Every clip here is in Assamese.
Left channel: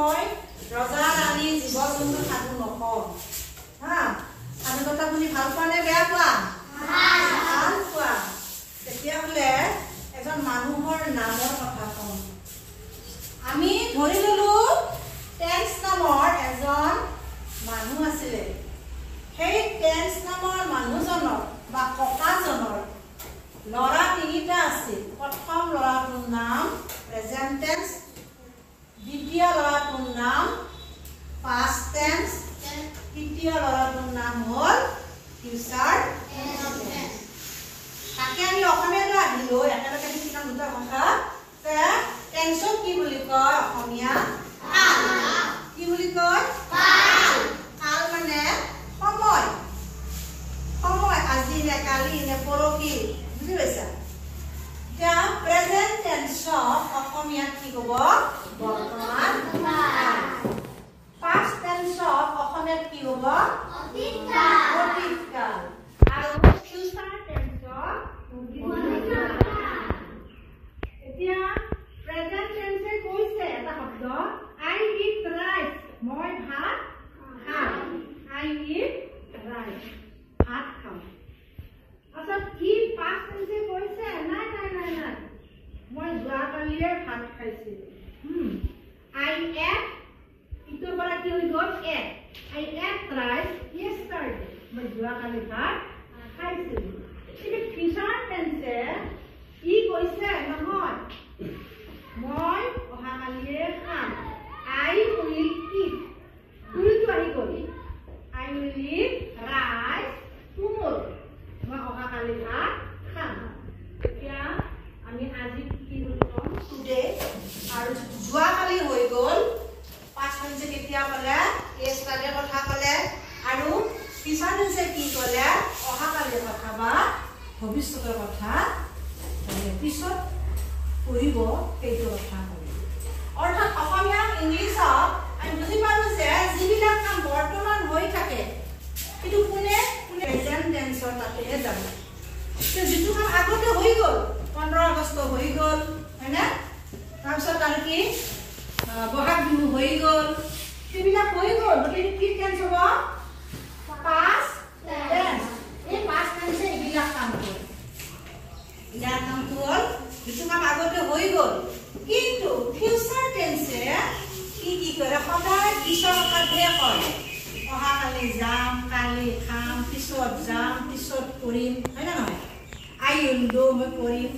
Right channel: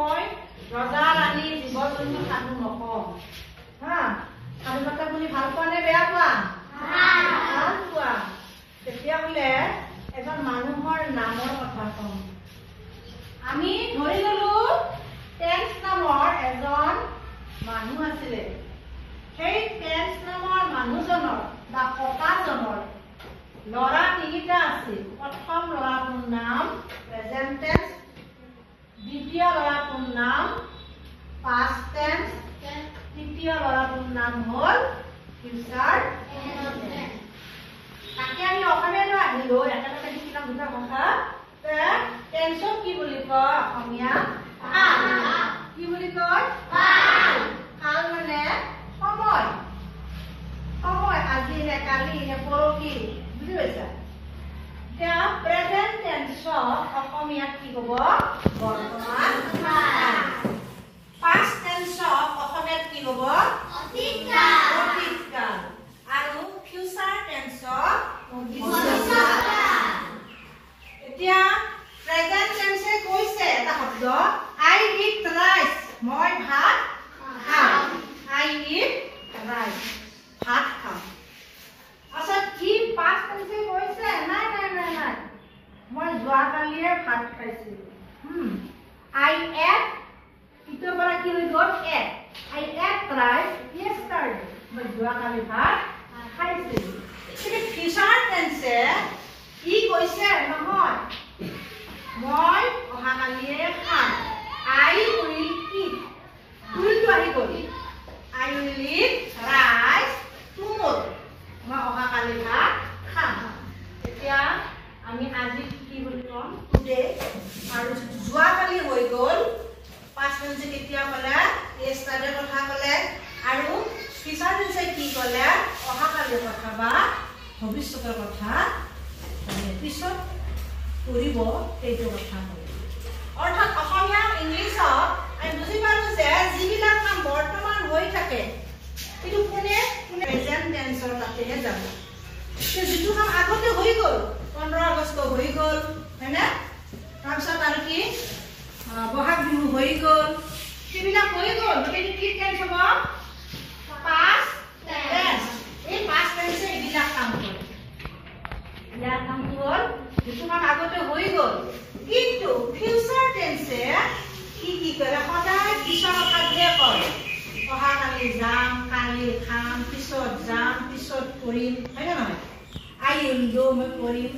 মই ৰজা ৰাণী জীৱ জন্তু সাধু নকওঁ হা সাধু কথা শুনি ভাল পোৱা নে বেয়া পোৱা ভাল পোৱা তেতিয়াহ'লে এজন মানুহৰ নামৰ কথা কওঁ আমি ধৰি ললো টেন্স নামৰ এজন মানুহ আছিলে সেই টেন্স নামৰ মানুহজনৰ বা ককাজনৰ লৰা তিনিটা আছিল প্ৰথম লৰাটোৰ নাম প্ৰেজেন্ট টেন্স দ্বিতীয় লৰাটোৰ নাম পাষ্ট টেন্স তৃতীয় লৰাটোৰ নাম হ'ল ফিউচাৰ টেন্স তাকে আমি অসমীয়ালৈ আহিলো একেলগে শিকিলাম দুটা কথা যে টেন্সক কি বুলি কয় অসমীয়া কাল কি বুলি কয় কাল কাল মানে সময় সময় আজি নে কালি নে পৰহি বুজি পাইছা এতিয়া প্ৰেজেন্ট টেন্সক অসমীয়াত কি ক'ব বৰ্তমান কাল পাষ্ট টেন্সক অসমীয়াত কি ক'ব অতীত কাল আৰু ফিউচাৰ টেন্সক ভৱিষ্যৎ কাল এতিয়া প্ৰেজেন্ট টেন্সে কৈছে এটা শব্দ আই ইট ৰাইচ মই ভাত খাম আই ইট ৰাইচ ভাত খাম আচ্ছা কি পাষ্ট টেন্সে কৈছে নাই নাই নাই নাই মই যোৱাকালিয়ে ভাত খাইছিলো আই এট ইটোৰ পৰা কি হৈ গ'ল at I ate rice yesterday মই যোৱাকালি ভাত খাইছিলো কিন্তু ফিউচাৰ টেন্সে কি কৈছে নহয় মই অহাকালিয়ে খাম আই উইল ইট উইলটো আহি গ'ল আই উইল ইট ৰাইচ টুমৰো মই অহাকালি ভাত খাম এতিয়া আমি আজি কি বুলি ক'ম টুডে আৰু যোৱাকালি হৈ গ'ল পাষ্ট টেন্সে কেতিয়া ক'লে yesterday কথা ক'লে আৰু ফিউচাৰ টেন্সে কি ক'লে অহাকালিৰ কথা বা ভৱিষ্যতৰ কথা পিছত কৰিব সেইটো কথা অৰ্থাৎ অসমীয়া ইংলিছত আমি বুজি পালো যে যিবিলাক কাম বৰ্তমান হৈ থাকে কিন্তু কোনে কোনে প্ৰেজেন্ট টেন্সৰ তাতেহে যাব যিটো কাম আগতে হৈ গ'ল 15 আগষ্ট হৈ গ'ল হয়নে তাৰপিছত আৰু কি বহাগ বিহু হৈ গ'ল সেইবিলাক হৈ গ'ল গতিকে কি টেন্স হ'ব পাষ্ট টেন্স এই পাষ্ট টেন্সে এইবিলাক কাম কৰে ইয়াৰ কামটো হ'ল যিটো কাম আগতে হৈ গ'ল কিন্তু ফিউচাৰ টেন্সে কি কৰে সদায় পিছৰ কথাহে কয় অহাকালি যাম কালি খাম পিছত যাম পিছত কৰিম হয় নে নহয় আই উইল ডু মই কৰিম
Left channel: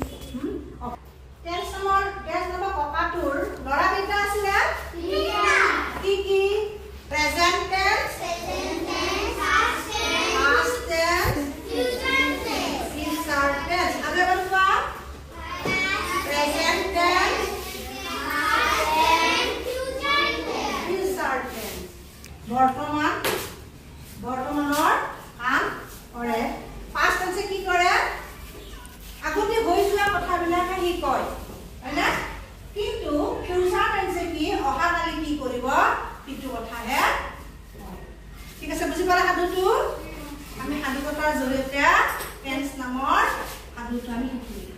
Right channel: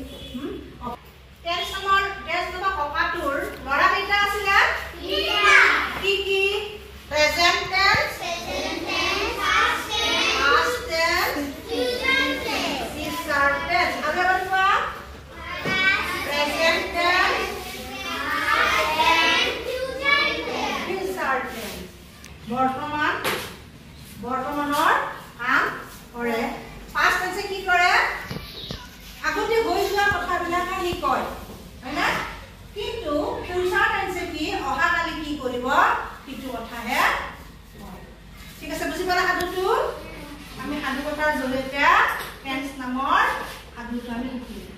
টেন্স নামৰ ককাটোৰ ল'ৰা কেইটা আছিলে কি কি present tense past tense future tense আৰু এবাৰ কোৱা প্ৰেজেন্ট টেন্স ফিউচাৰ টেন্স বৰ্তমানৰ কাম কৰে পাষ্ট টেন্সে কি কৰে আগতে হৈ যোৱা কথাবিলাকে সি কয় হয়নে কিন্তু ফিউচাৰ টেন্সে কি অহাকালি কি কৰিব সেইটো কথাহে ঠিক আছে বুজি পালা সাধুটো আমি সাধু কথাৰ জৰিয়তে টেন্স নামৰ সাধুটো আমি শিকিলো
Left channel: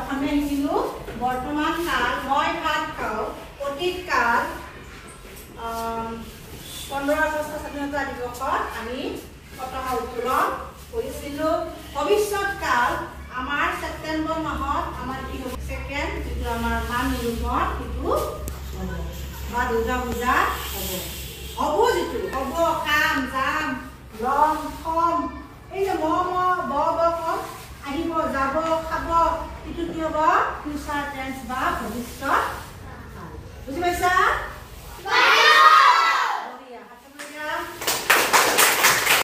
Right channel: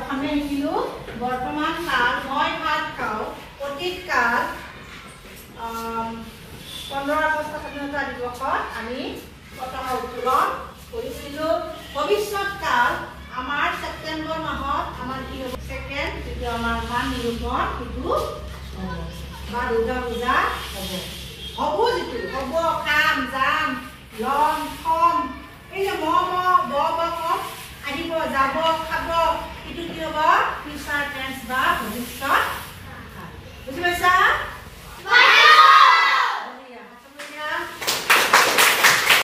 অসমীয়া শিকিলো বৰ্তমান কাল মই ভাত খাওঁ অতীত কাল 15 আগষ্ট স্বাধীনতা দিৱসত আমি পতাকা উত্তোলন কৰিছিলো ভৱিষ্যৎ কাল আমাৰ ছেপ্টেম্বৰ মাহত আমাৰ কি হ'ব সেকেন্ড যেটো আমাৰ মান নিৰূপণ কিন্তু বা দুৰ্গা পূজা হ'ব যেটো হ'ব কাম যাম লম থম এই যে ম ব কম আহিব যাব খাব এটো কি হ'ব ফিউচাৰ টেন্স বা ভৱিষ্যৎ